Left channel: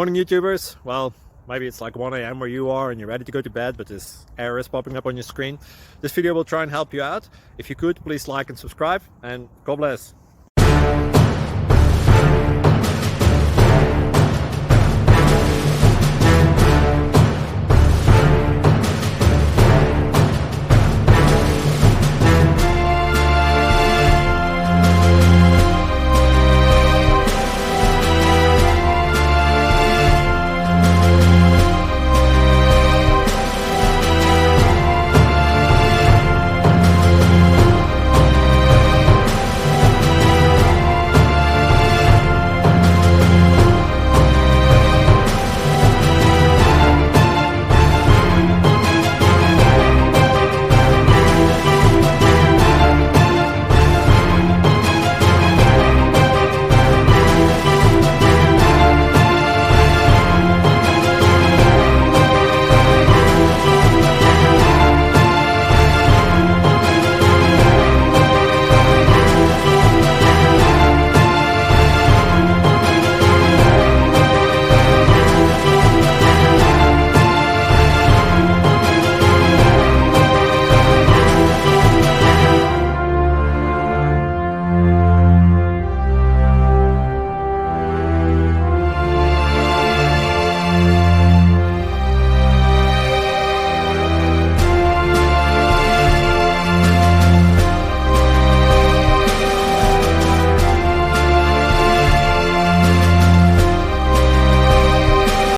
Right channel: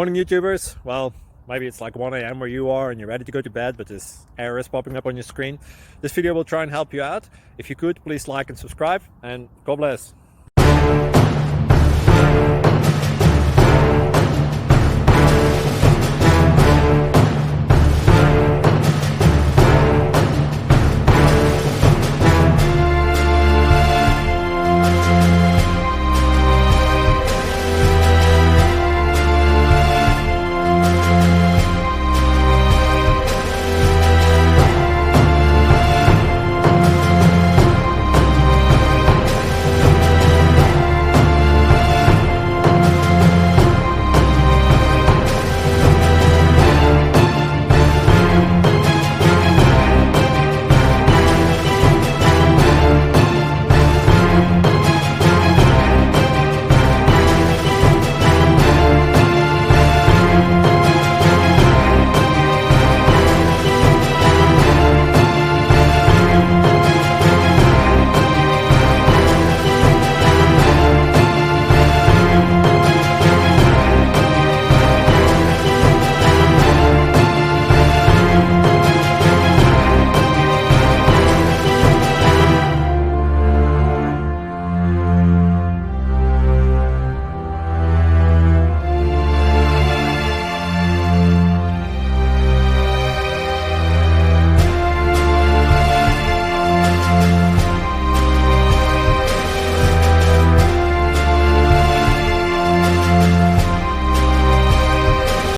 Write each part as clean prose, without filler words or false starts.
Morning YouTubers. Well, maybe it's like 1 a.m. where you are and you're ready to go to bed, but this error is popping up on your screen. This video will try and help you out. If you could, please like and subscribe, and God bless.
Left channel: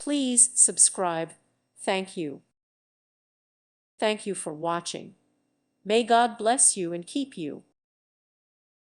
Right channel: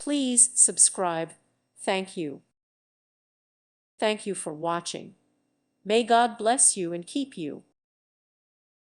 Please subscribe. Thank you. Thank you for watching. May God bless you and keep you.